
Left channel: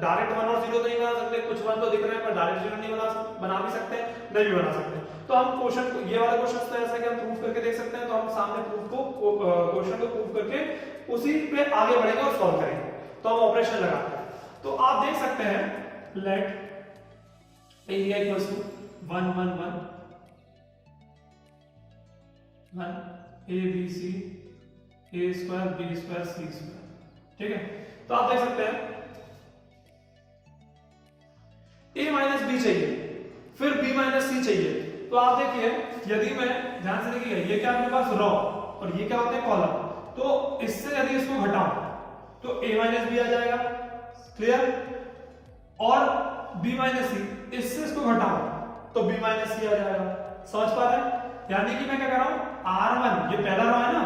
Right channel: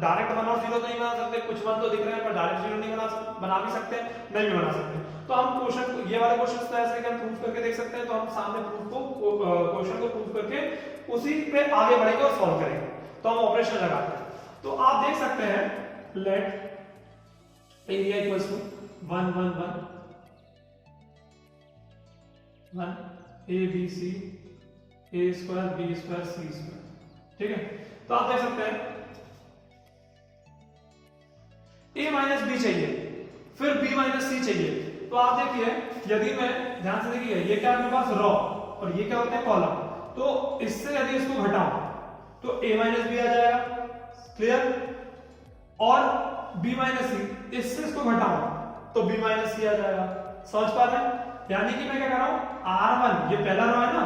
डायरेक्ट 1 और 0 तो नहीं बना सकते, कुछ 1 तो दिख रहे हैं पर डायरेक्ट 0 नहीं बना भी सकते, नहीं भी बना सकते। तो हम क्वेश्चन, ये वाला क्वेश्चन तो ऐसे कि हम प्रूफ करके देख सकते हैं, तो हम सामने प्रूफ को क्वेश्चन को प्रूफ करके उसी पे आगे बढ़ेंगे और सॉल्व करेंगे। तो हम ऑपरेशन लगाते हैं, तो आप देख सकते हैं let area equals to 1 1 1 1 A B C A square B square C square, ठीक है, तो आप देख सकते हैं a माइनस बी चाहिए, फिर b माइनस सी चाहिए। तो आप देखिए, यदि मैं ध्यान से देखिए, ये क्या मेरे पास रो और ये क्या होते हैं कॉलम, तो इससे यदि इसको घटाऊं तो a माइनस बी आ जाएगा, क्लियर, और b माइनस सी, इससे इसको घटाऊं तो b माइनस सी आ जाएगा। समझ पा रहे हैं? यानी कि मैं क्या कर रहा हूं, R1 ये पहला रो है ना,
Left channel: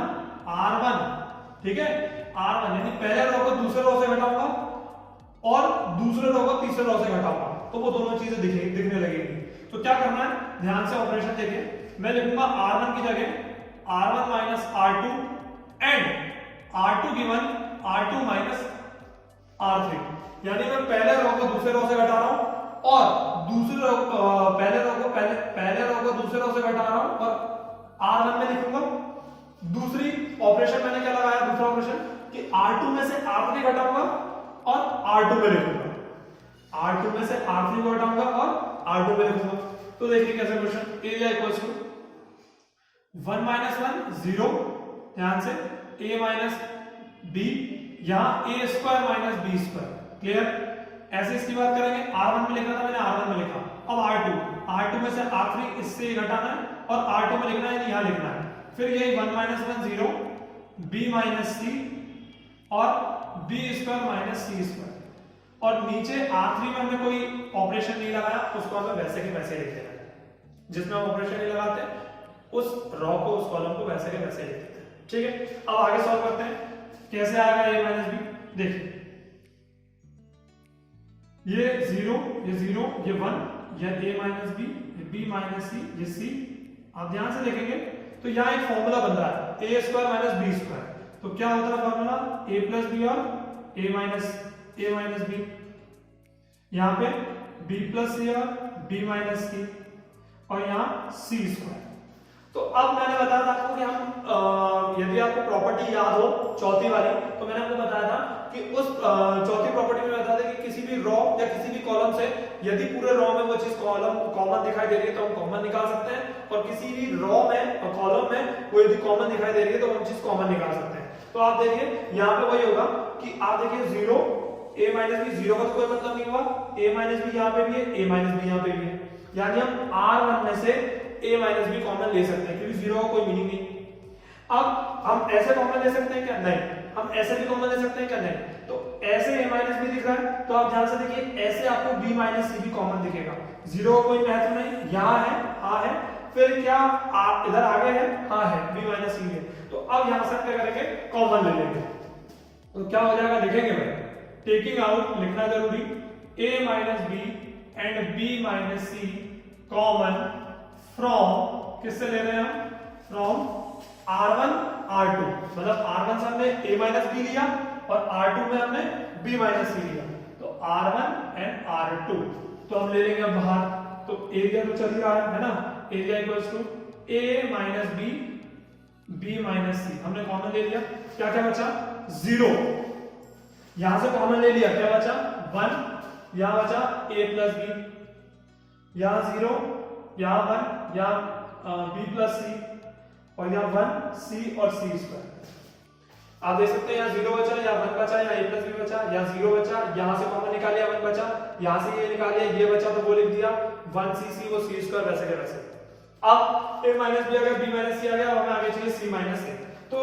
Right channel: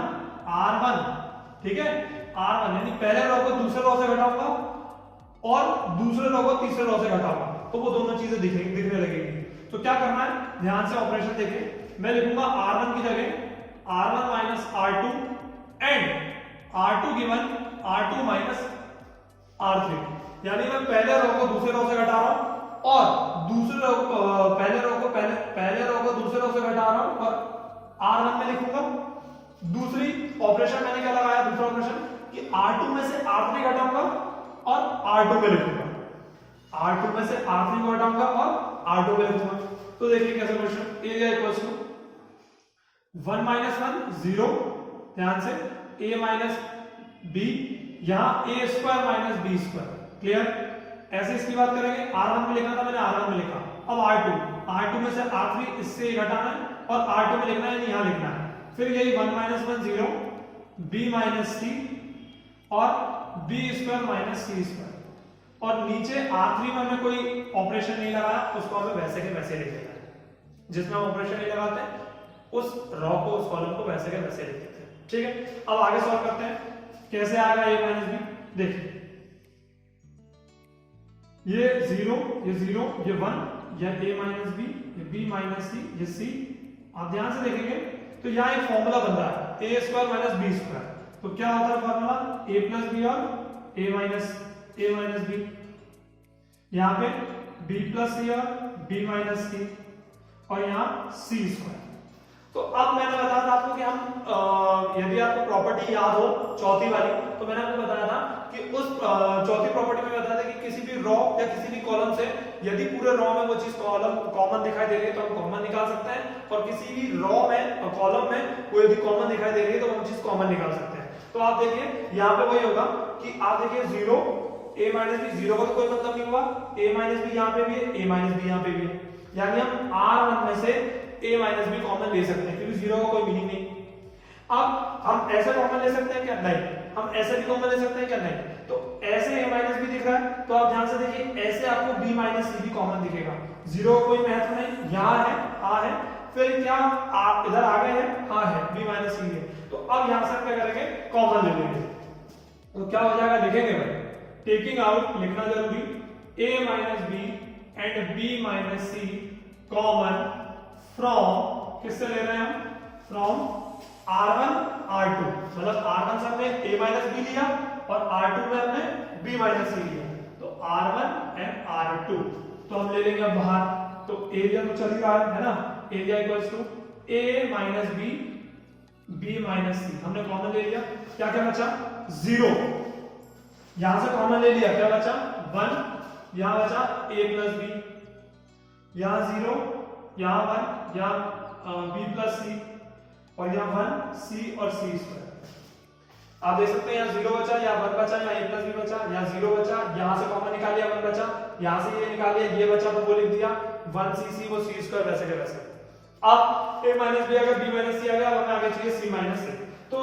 R1, ठीक है, R1 यानी पहले रो को दूसरे रो से घटाऊंगा और दूसरे रो को तीसरे रो से घटाऊंगा, तो वो दोनों चीजें दिखने लगेगी। तो क्या करना है, ध्यान से ऑपरेशन देखिए, मैं लिखूंगा R1 की जगह R1 minus R2 and R2 given R2 minus R3, यानी मैं पहले रो को दूसरे रो से घटा रहा हूं और दूसरे रो पहले रो को दूसरे रो से घटा रहा हूं और R1 में लिखूंगा। दूसरी ऑपरेशन मैंने क्या लगाया, दूसरा ऑपरेशन कि R2 में से R3 घटाऊंगा और R2 में लिखूंगा, R2 में से R3 को घटाऊंगा और R2 में लिखूंगा। तो देखिए कैसे question, area equals to 1 minus 1 0, ध्यान से a माइनस b, यहां a square minus b square, clear. ऐसे इसकी बात करेंगे, R1 में लिखा था मैंने, R1 में लिखा, अब R2 में से R3 इससे घटाना है और R2 में लिखना है, यहां लिखना है, फिर यही 1 माइनस 1 0, b माइनस सी और b स्क्वायर माइनस सी स्क्वायर, और नीचे R3 में हमें कोई ऑपरेशन नहीं लगाया, उसको हमें वैसे के वैसे लिख देना है, जिसमें हम ऑपरेशन नहीं लगाते उस रो को, उस कॉलम को वैसे के वैसे लिख देते हैं, ठीक है। अब आगे सॉल्व करते हैं, कैसे आएगा a माइनस बी, देखिए ये 0, ये 1, यह a माइनस बी, ये b माइनस सी, ये c। आप ध्यान से देखेंगे तो यहाँ एक फॉर्मूला बन रहा है a square minus b square, तो क्या होता है फॉर्मूला, a प्लस बी और a माइनस बी, यहाँ पे b प्लस सी और b माइनस सी और यहाँ c स्क्वायर। तो अब मैंने बताया था आपको कि हम यदि आपको प्रॉपर्टी याद हो चौथी वाली, तो मैंने आपको बताया था कि उस चौथी प्रॉपर्टी में बताया था कि किसी भी रो या किसी भी कॉलम से यदि पूरे रो में वो चीज कॉलम कॉमन दिखाई दे रही है तो हम कॉमन निकाल सकते हैं, और किसी भी रो में और कॉलम में कोई भी कॉमन दिखाई दे रही है तो हम चीज कॉमन निकाल सकते हैं। तो आप देखिए यहाँ पे वही होगा कि आप देखिए 0 a माइनस बी, 0 का तो कोई मतलब नहीं हुआ, a माइनस बी यहाँ पे भी है, a माइनस बी यहाँ पे भी है, यानी हम R1 में से a माइनस बी कॉमन ले सकते हैं क्योंकि 0 का कोई मीनिंग नहीं। अब हम ऐसे कॉमन ले सकते हैं क्या, नहीं, हम ऐसे भी कॉमन ले सकते हैं क्या, नहीं। तो ऐसे a माइनस बी दिख रहा है, तो आप ध्यान से देखिए ऐसे आपको b माइनस सी भी कॉमन दिखेगा, 0 का कोई महत्व नहीं, यहाँ है, हाँ है, फिर क्या इधर आगे है, हाँ है, b माइनस सी है। तो अब यहाँ से क्या करेंगे, कॉमन ले लेंगे, तो क्या हो जाएगा लिखेंगे भाई, टेकिंग आउट लिखना जरूरी, a minus b and b minus c common from, किससे ले रहे हैं हम, फ्रॉम R1 R2, मतलब R1 से हमने a माइनस बी लिया और R2 में हमने b माइनस सी लिया, तो R1 एंड R2, तो हम ले लेंगे अब बाहर, तो एरिया तो चल ही रहा है ना, area equals to a minus B, b minus C, हमने कॉमन ले लिया, क्या क्या बचा, 0, यहां से कॉमन ले लिया, क्या बचा 1, यहां बचा a प्लस बी, यहां 0, यहां 1, यहां b प्लस सी और यहाँ 1 c और c स्क्वायर। आप देख सकते हैं यहाँ 0 बचा, यहाँ 1 बचा, यहाँ a प्लस बी बचा, यहाँ 0 बचा, यहाँ से कॉमन निकाल लिया 1 बचा, यहाँ से ये निकाल लिया, ये बचा तो वो लिख दिया 1cc, वो c स्क्वायर वैसे के वैसे। अब a माइनस बी आ गया, b माइनस सी आ गया, हमें आगे चाहिए c माइनस सी। तो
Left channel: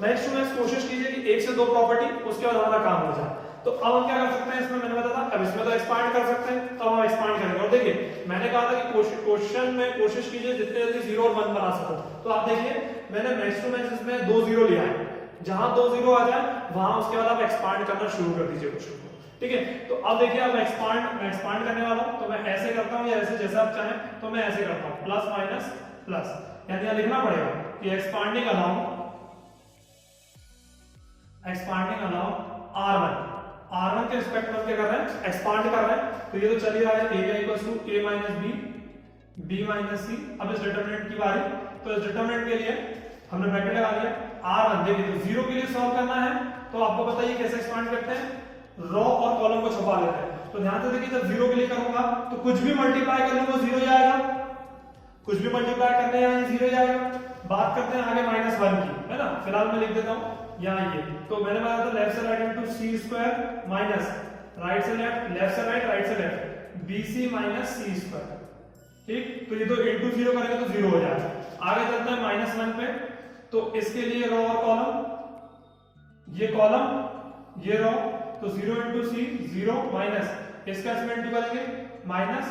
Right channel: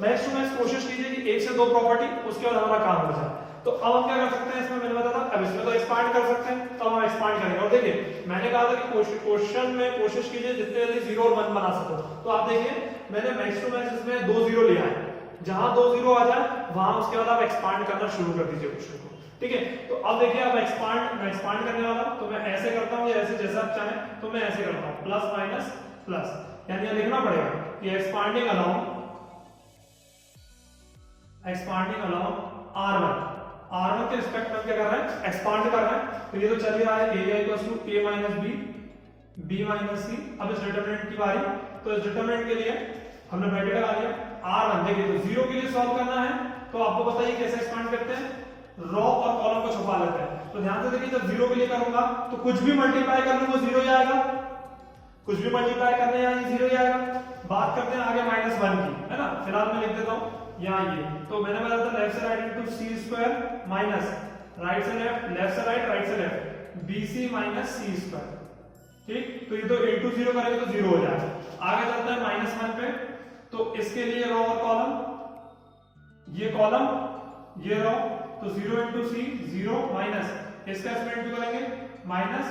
मैक्स टू मैक्स कोशिश कीजिए कि 1 से 2 प्रॉपर्टी, उसके बाद हमारा काम हो जाए। तो अब हम क्या कर सकते हैं, इसमें मैंने बताया था, अब इसमें तो एक्सपांड कर सकते हैं, तो हम एक्सपांड करेंगे। और देखिए मैंने कहा था कि क्वेश्चन में कोशिश कीजिए जितने जल्दी 0 और 1 बना सको। तो आप देखिए मैंने मैक्स टू मैक्स इसमें 2 0 लिया है, जहां 2 0 आ जाए वहां उसके बाद आप एक्सपांड करना शुरू कर दीजिए क्वेश्चन को, ठीक है। तो अब देखिए अब मैं एक्सपांड करने वाला हूं, तो मैं ऐसे करता हूं या ऐसे जैसा आप चाहें, तो मैं ऐसे करता हूं प्लस माइनस प्लस, यानी यहां लिखना पड़ेगा कि एक्सपांडिंग अलाउंग R1 के रिस्पेक्ट में क्या कर रहे हैं, एक्सपांड कर रहे हैं। तो ये तो चल ही रहा है, area equals to a minus B, b minus C. अब इस डिटरमिनेंट की बारी, तो इस डिटरमिनेंट के लिए हमने ब्रैकेट लगा लिया R1। देखिए तो 0 के लिए सॉल्व करना है, तो आपको बताइए कैसे एक्सपांड करते हैं, रो और कॉलम को छुपा लेते हैं। तो ध्यान से देखिए जब 0 के लिए करूंगा तो कुछ भी मल्टीप्लाई कर लूंगा 0 जाएगा, कुछ भी मल्टीप्लाई करने यहाँ 0 जाएगा। बात करते हैं आगे -1 की, है ना। फिलहाल मैं लिख देता हूँ यहाँ ये, तो मैंने बताया था लेफ्ट से राइट इनटू सी स्क्वायर माइनस राइट से लेफ्ट, लेफ्ट से राइट से लेफ्ट, BC माइनस सी स्क्वायर। ठीक, तो ये तो इनटू 0 करेंगे तो 0 हो जाएगा। आगे चलते हैं -1 पे, तो इसके लिए रो और कॉलम, ये कॉलम ये रो, तो 0 इंटू सी 0 माइनस इसका इसमें इंटू करेंगे माइनस,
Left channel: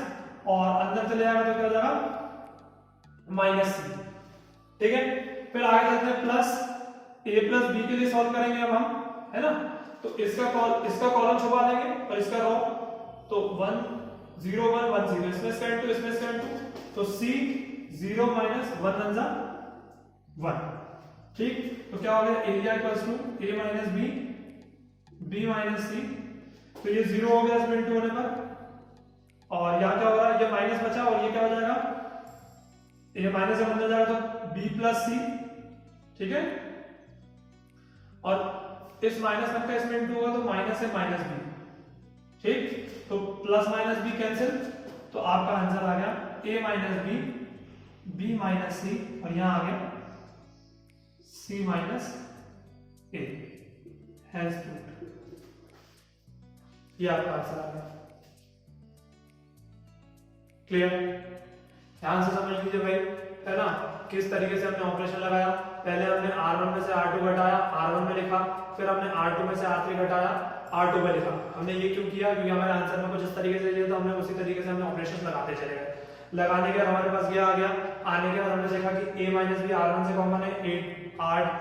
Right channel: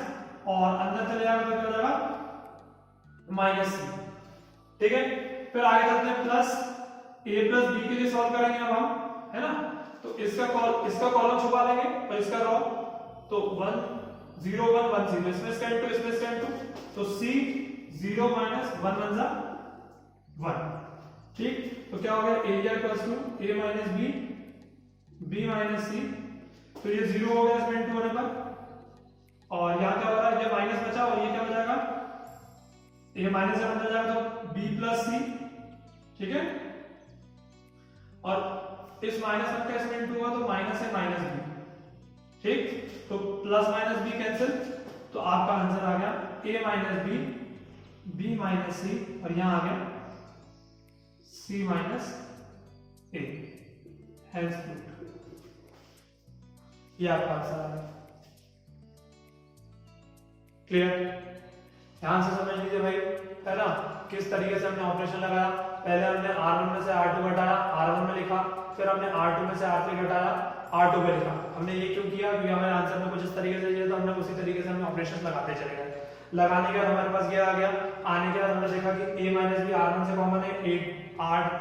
और अंदर चले जाएगा तो क्या हो जाएगा माइनस सी। ठीक है, फिर आगे चलते हैं प्लस a प्लस बी के लिए सॉल्व करेंगे अब हम, है ना। तो इसका कॉलम छुपा देंगे और इसका रो, तो 1 0 1 1 0, इसमें इसका इंटू इसमें इसका इंटू, तो c 0 माइनस 1 1 1। ठीक, तो क्या हो गया area equals to a minus B, b minus C, तो ये 0 हो गया इसमें इंटू होने पर, और यहाँ क्या हो रहा है, ये माइनस बचा और ये क्या हो जाएगा, ये माइनस से बदल जाएगा तो b प्लस सी। ठीक है, और इस -1 का इसमें इंटू होगा तो माइनस से माइनस b। ठीक, तो प्लस माइनस b कैंसिल, तो आपका आंसर आ गया a minus B, b minus C, और यहां आ गया c minus a। Hence proved, ये आपका आंसर आ गया। क्लियर, ध्यान से समझ लीजिए भाई, है ना, किस तरीके से हमने ऑपरेशन लगाया। पहले हमने R1 में से R2 घटाया, R1 में लिखा, फिर हमने R2 में से R3 घटाया, R2 में लिखा। हमने ये क्यों किया, क्योंकि हमारे आंसर में कुछ इस तरीके से चाहिए, तो हमने उसी तरीके से हमने ऑपरेशन लगाते चले गए। लगाने के बाद हमारे पास ये आ गया, आने के बाद हमने देखा कि a माइनस बी R1 से कॉमन है,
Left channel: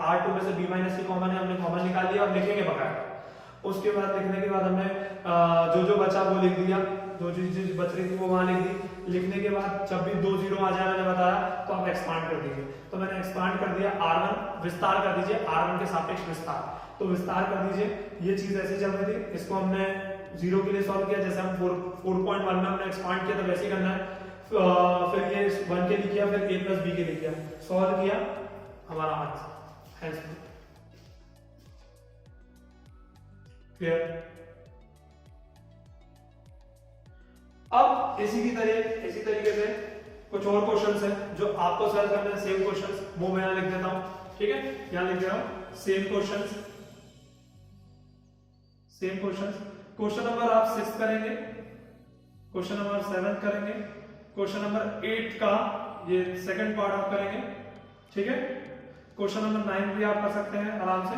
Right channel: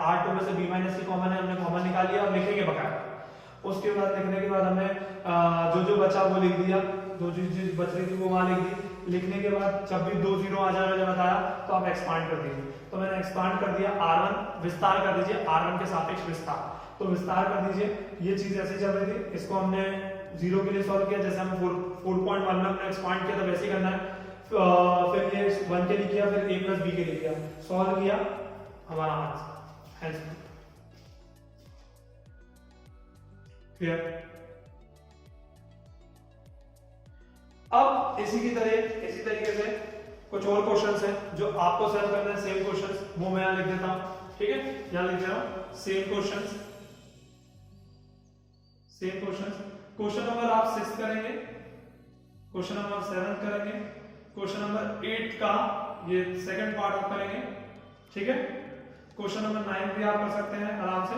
R2 में से b माइनस सी कॉमन है, हमने कॉमन निकाल लिया। अब लिखेंगे बकाया, उसके बाद लिखने के बाद हमने जो जो बचा वो लिख दिया, जो चीज बच रही थी वो वहां लिख दी। लिखने के बाद जब भी 2 0 आ जाए मैंने बताया, तो आप एक्सपांड कर दीजिए, तो मैंने एक्सपांड कर दिया। R1 विस्तार कर दीजिए, R1 के सापेक्ष विस्तार, तो विस्तार कर दीजिए। ये चीज ऐसी चल रही थी, इसको हमने 0 के लिए सॉल्व किया, जैसे हम 4.1 में हमने एक्सपांड किया, तो वैसे ही करना है। फिर ये 1 के लिए किया, फिर a प्लस बी के लिए किया, सॉल्व किया, हमारा आंसर। क्लियर। अब इसी तरीके से कुछ और क्वेश्चंस हैं जो आपको सॉल्व करने हैं, सेम क्वेश्चंस, वो मैं यहां लिख देता हूं। ठीक है, यहां लिख दे रहा हूं सेम क्वेश्चंस। क्वेश्चन नंबर आप 6 करेंगे, क्वेश्चन नंबर 7 करेंगे, क्वेश्चन नंबर 8 का ये सेकंड पार्ट आप करेंगे। ठीक है, क्वेश्चन नंबर 9 भी आप कर सकते हैं आराम से।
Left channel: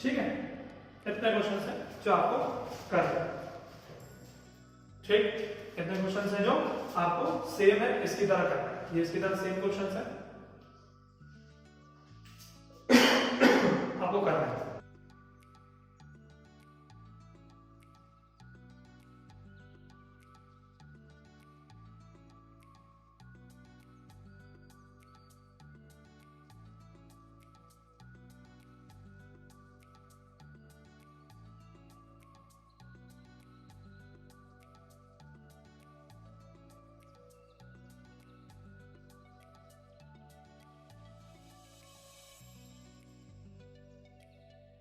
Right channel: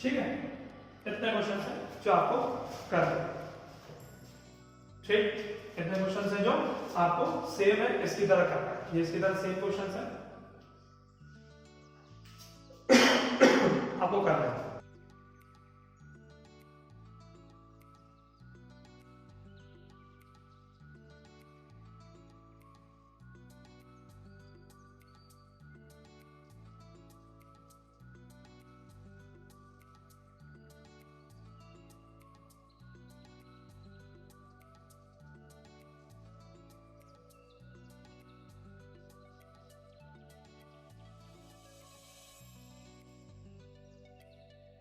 ठीक है, इतने क्वेश्चंस हैं जो आपको करना है। ठीक, इतने क्वेश्चंस हैं जो आपको सेम है इसकी तरह करना है, ये इसकी तरह सेम क्वेश्चंस है।